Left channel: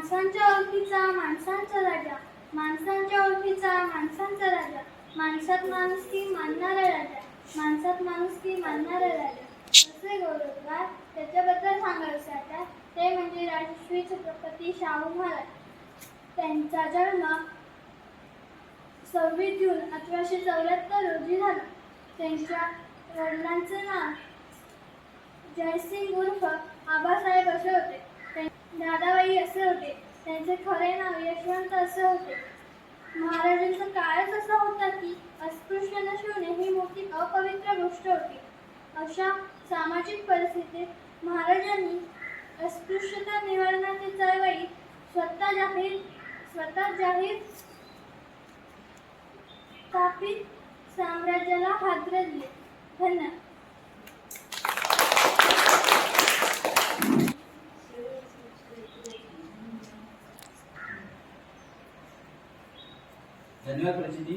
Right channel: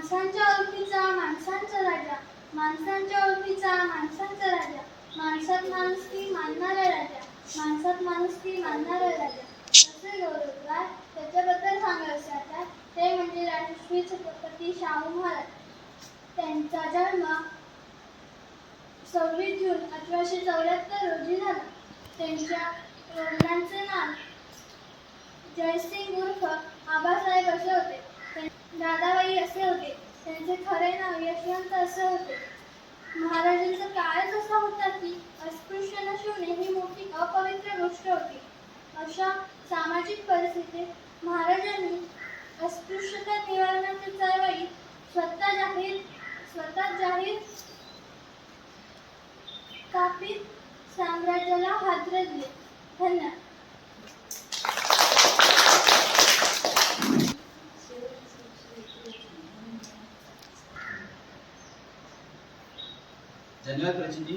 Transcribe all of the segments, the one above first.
माणसांच्या ओळखीचा माणसांचा राजा. माणसांच्या ओळखीचा माणसांचा राजा. माणसात माणूस की मानणारा राजा. माणसात माणूस की मानणारा राजा. असे गौरवकार त्याच्याबद्दल सांगायचे आता? ते म्हणजे राजश्री छत्रपती शाहू महाराज. त्यांचा जन्म सव्वीस जून अठराशे चौऱ्याहत्तर रोजी झाला. त्यांच्या वडिलांचे नाव जयसिंग उर्फ आबासाहेब असे होते. दादाबाई असे होते. त्यांचे खरे नाव यशवंत असे होते. महाराजांचा काळच असा होता की अस्पृश्य नशिवणे ही मोठी अपवित्र गोष्ट होती. अशा सामाजिक परिस्थितीत महाराजांनी अस्पृश्यता निवारणाची चळवळी स्वतः जाहीर स्वतः जाहीर स्थापित साम्राज्याला हादरे दिले धन्यवाद. धन्यवाद प्रचिती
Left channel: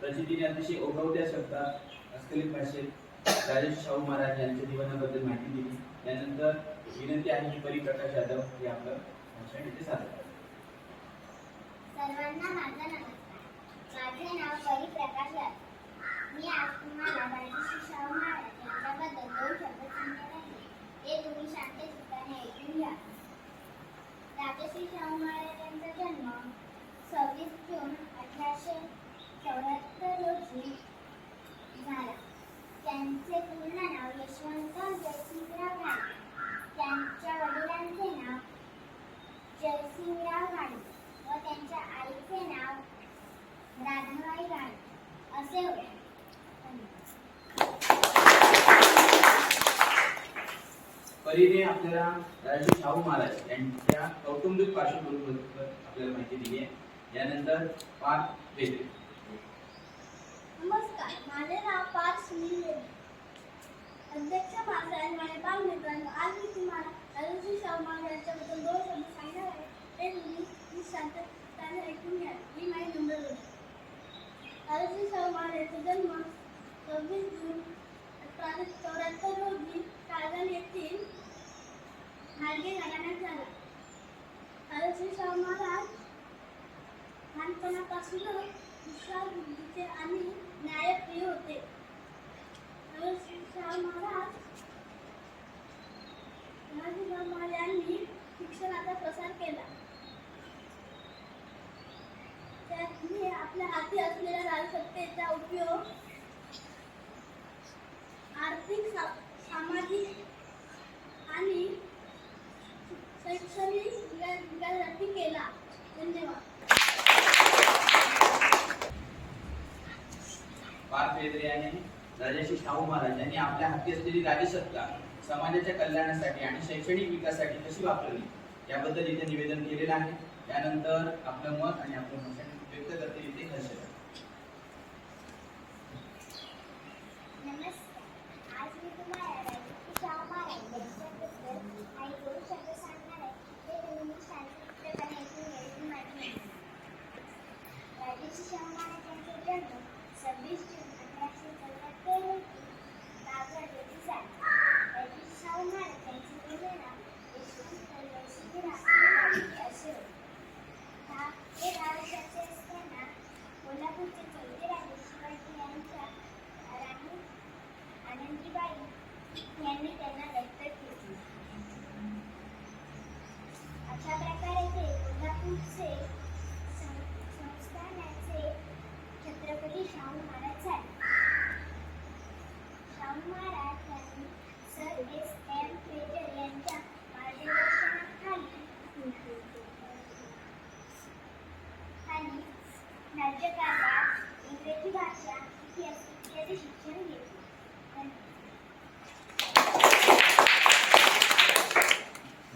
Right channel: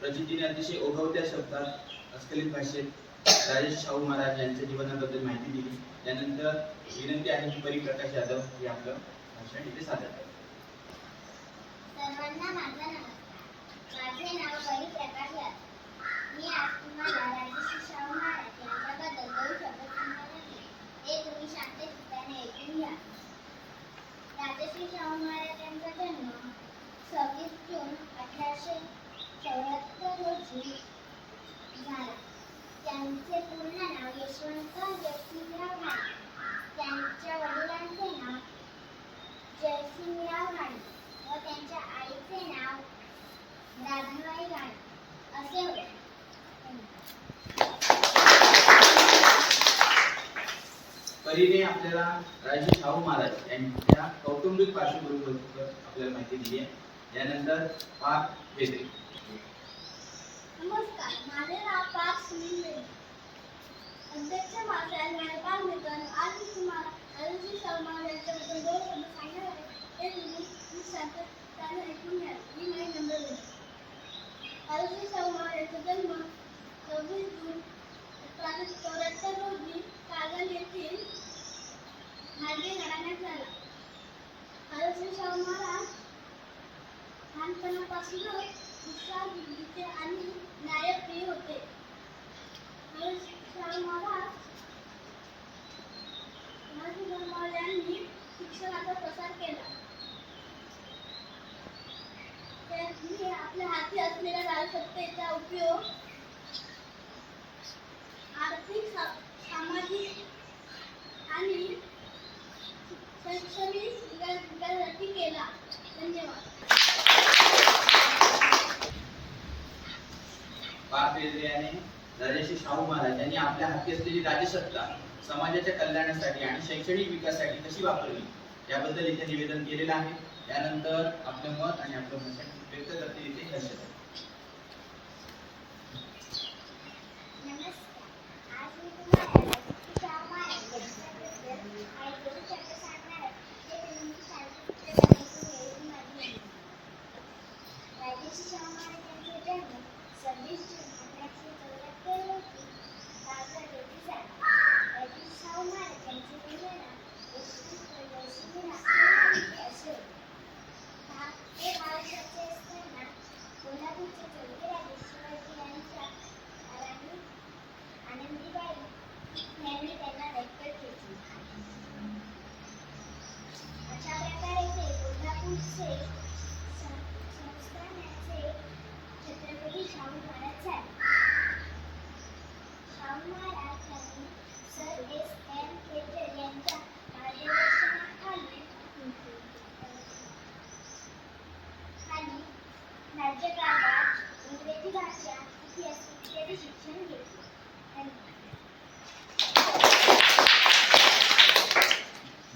प्रचितीने अतिशय ओघवत्या शब्दात अस्खलित भाषेत राजेश शाहू महाराज यांच्या जीवनाबद्दल माहिती दिली. त्यानंतर विनंती आहे की परी प्रकाश यादव हे आपलं भाषण इथे सादर करतात सर्वांना माझा नमस्कार. माझे नाव परिप्रकाश यादव मी आज तुम्हाला राजश्री शाहू महाराज यांच्याबद्दल दोन शब्द सांगणार आहे ते तुम्ही शांत चित्ताने ऐकून घ्या राजश्री शाहू महाराज यांचा जन्म सव्वीस जून अठराशे चौऱ्याहत्तर रोजी झाला त्यांचे पूर्ण नाव यशवंत जयसिंगराव घाणे त्यांच्या वडिलांचे नाव जयसिंगराव घाणे व त्यांच्या आईचे नाव राधाबाई घाणे असे होते परीने आपल्याला राजे शाहू महाराज यांच्या कौटुंबिक पार्श्वभूमीबद्दल आपल्याला माहिती दिली आहे. यानंतर पाच वेदे. नमस्कार माझे नाव पार्थ सुनील वेदे. अध्यक्ष महाराज महाशय मायपाल मित्रांनो आज मी तुम्हाला अरुणजी शर्मा यांच्याबद्दल दोन शब्द सांगणार आहे. ते तुम्ही मी शांतताने ऐकून घ्या. ही माई नंबर दोन अरुजी शर्मा यांचा जन्म सव्वीस जून अठराशे चौऱ्याहत्तर रोजी कागल येथील नागे घराण्यात झाला. अरुजी शाहू महाराज लहानपणापासूनच हुशार बुद्धीचे आणि न्यायप्रिय होते. शाहू महाराज शिवाजी शिक्षणाचा प्रसार केला त्यांनी आपल्या हाती असलेल्या राजसत्तेचा उपयोग आर्थिक सा- सामाजिक आणि शैक्षणिक विकास- विकासासाठी केला. राजाशी शाहू महाराज यांनी आपल्या हाती असलेली राजसत्ता समाजाच्या कल्याणासाठी आणि शैक्षणिक विकासासाठी कशी वापरली याबद्दल इथे निवेदन केलेलं आहे. त्यानंतर आपलं मत आणि आपलं मत व्यक्त करते इथे हर्षदा नमस्कार आज मी तुम्हाला राजश्री शाहू महाराज यांच्याबद्दल काही दोन शब्द सांगणार आहे ते तुम्ही शांततेने ऐकून घ्यायची माझी विनंती. राजश्री शाहू महाराज यांचा जन्म सव्वीस जून अठराशे चौऱ्याहत्तर रोजी कागल येथे झाला राजश्री शाहू महाराज यांचे पूर्ण नाव यशवंत जयसिंगराव असे होते भा- हे महाराष्ट्राचे असताना कोल्हापूरचे चौथे राजे शिवाजी यांच्या राणी आनंदीबाई यांनी त्यांना दत्तक घेतले अशा प्रकारे ते कोल्हापूरचे सं- संस्थानाचे छत्रपती शाहू महाराज झाले सर एस एम यांच्या मार्गदर्शनाखाली राज्यकारभार इंग्रजी भाषा इतिहास इत्यादी शिक्षण घेतले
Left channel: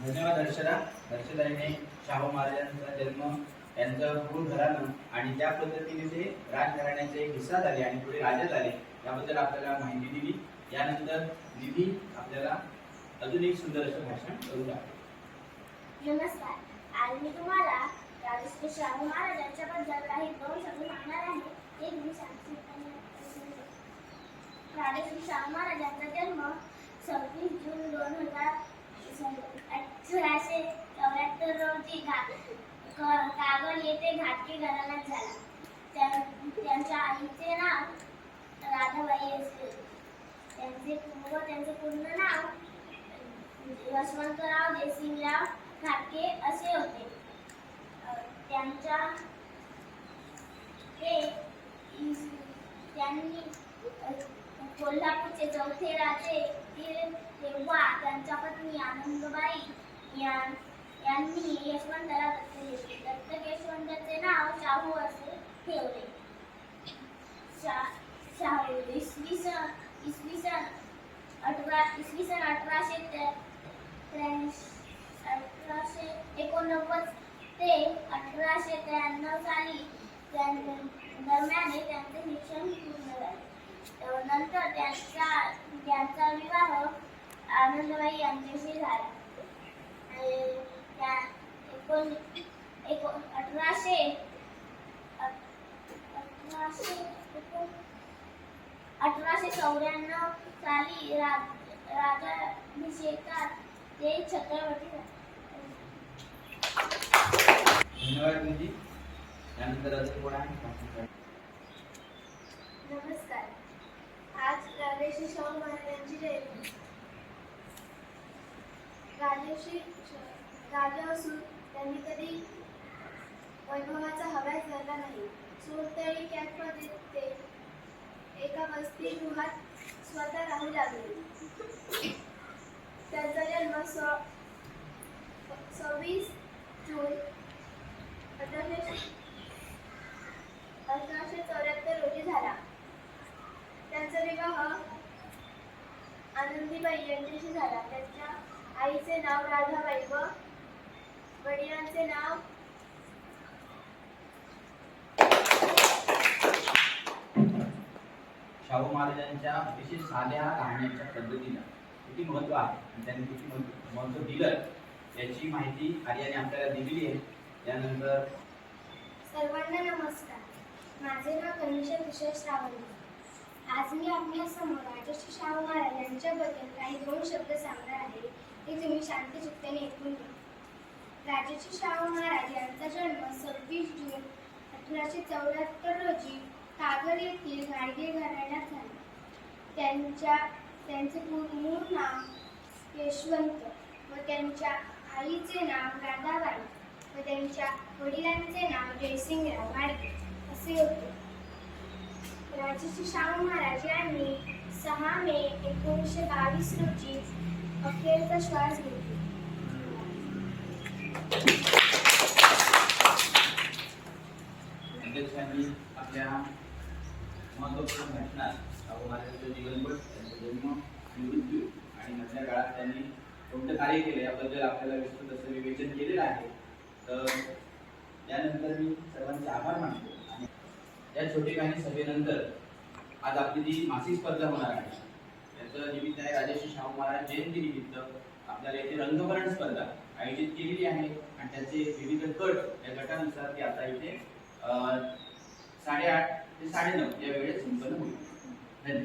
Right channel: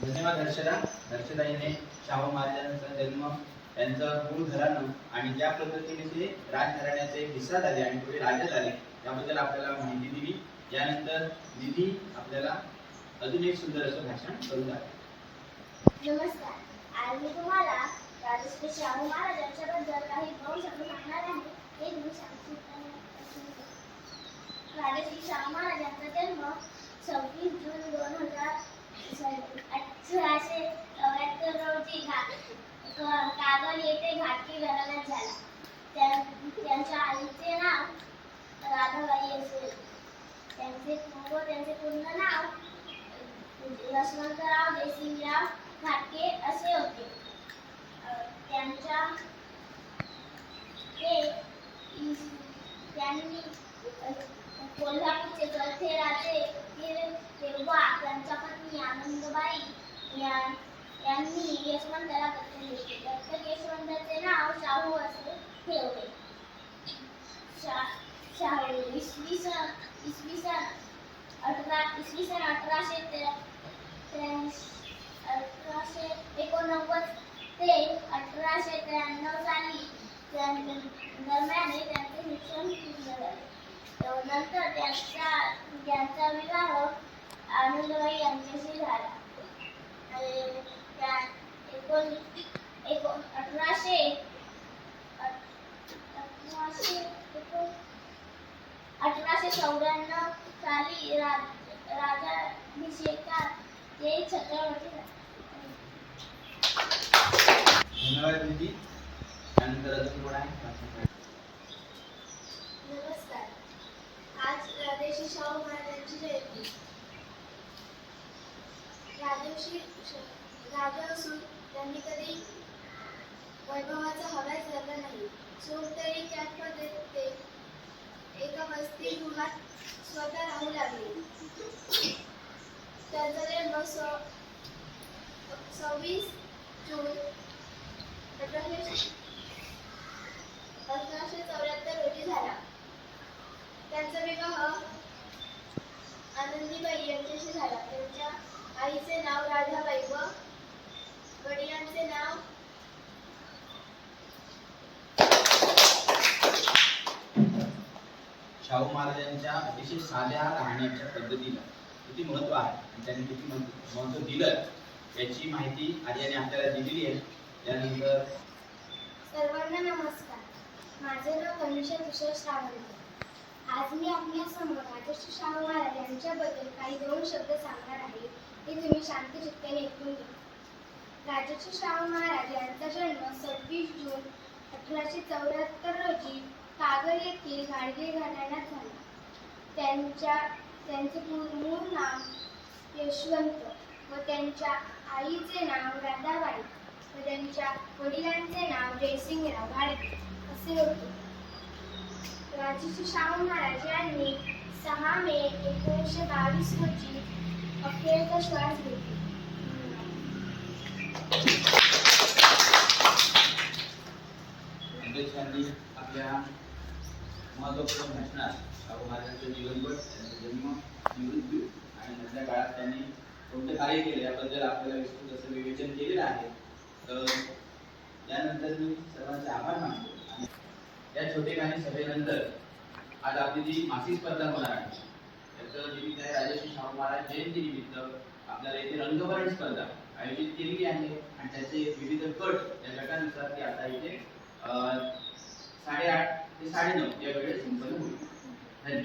धन्यवाद धन्यवाद हर्षदा हर्षदाईने शाहू महाराजांचा जन्म त्यांचं मूळ घराणं आणि ज्या पद्धतीने ते राजघराण्याचे हिस्सा झाले आणि पुढे राजा झाले याबद्दल आपल्याला माहिती दिली. यानंतर निधी आपल्याला अजून एक सुंदर असं भाषण करू आहे नमस्कार. आज मी तुम्हाला राजश्री शाहू महाराज यांच्याबद्दल काही दोन शब्द सांगणार आहे? हे तुम्ही शांतपणे राजश्री शाहू महाराज यांचा जन्म सव्वीस जून दोन हजार अठराशे चौऱ्याहत्तर रोजी घा कागल येथे घाटकी घराण्यात झाला. त्या- त्यांच्या आईचे नाव राधाबाई असेल त्यांचे व त्यांचे पूर्ण नाव यशवंतराव जयसिंगराव घाटगे असे होते. त्यांच्या ते त्यांनी कोल्हापूरचे चौथे राजे तेव्हा त्यांच्या पत्नी आनंदबाई या- यांनी यशवंतराव दत्तक घेतले दत्तक यशवंताचे नाव शाहू असे ठेवले शा- शाहू इसवी सन इसवी सन अठरा इसवी सन अठराशे त्र्याऐंशी अठराशे एकोणनव्वद ते अठराशे त्र्याण्णव साली दरम्यान त्यांचे शिक्षण पूर्ण झाले नंतर त्यांचा त्यांचा विवाह आनंदबाई यांच्याशी झाला आणि त्या एकोण एको अठराशे अठराशे एकोण अठराशे चौऱ्याण्णव साली राज राजाभिषेकात ते छत्रपती झाले. धन्यवाद गुरुजी. त्यानंतर अजून कोण आहे नमस्कार. आज राजेश्री शाहू महाराजांची जयंती. राजर्षी श- राजा असून त्यांनी कधी वैभवाचा हव्यास धरला नाही. सोनतळी कॅम्पमध्ये ते एका वसतिगृहात स्वतः राहू लागले. त्यांचा जन्म स सव्वीस जून अठराशे अठराशे चौऱ्याहत्तर रोजी झाला. त्यांचा विवाह आनंदीबाई यांच्याशी झाला. त्यांच्या आईचे नाव राधाबाई व वडिलांचे नाव शाहू महाराजांच्या अतिशय साध्या राहण्याच्या पद्धतीला किती महत्त्व आहे आणि त्यांनी किती महत्त्व दिलं याची माहिती आर्याने आपल्याला दिलेली आहे. त्यानंतर सर्वांना नमस्कार. माझे नाव तनुषा तुषार श्रावण आज मी आपल्यासमोर राजश्री शाहू महाराज यांच्याबद्दल काही दोन शब्द सांगणार आहे ते तुम्ही शांत चित्ताने ऐकून घ्या. राजश्री शाहू महाराज यांचा जन्म सव्वीस जून अठराशे चौऱ्याहत्तर रोजी कागल येथील घाडगे घराण्यात झाला. त्यांच्या त्यांचे मूळ नाव यशवंत व त्यांच्या आईचे नाव राधाबाई व त्यांच्या वडिलांचे नाव जयसिंगराव घाडगे असे होते. राजश्री शाहू महाराज यांनी सहा मे एकोणीसशे बावीस रोजी अखेरचा श्वास घेतला. म्हणजे अध्यक्षांनी आपल्या महत्त्वपूर्ण भाषणात शाहू महाराजांचं जीवनपट त्यांचा जन्म मृत्यू आणि नंतर काळात त्यांनी कोणतं कार्य केलं याबद्दल आपल्याला विस्तृत असं विवेचन केलेलं आहे. तर त्यानंतर मी सर्वांचे आभार मानतो. आणि या छोटे छोटेखानी सभेनंतर आज आपली जी मासिक स्पर्धा होणार आहे याचं निमित्त आहे राजश्री शाहू महाराज जयंती निमित्त आपल्याला येथे रंगभरण स्पर्धा आयोजित केलेली आहे. आणि त्याचे विविध गट या गटानुसार ते आता इथे Hai đồng tiền để.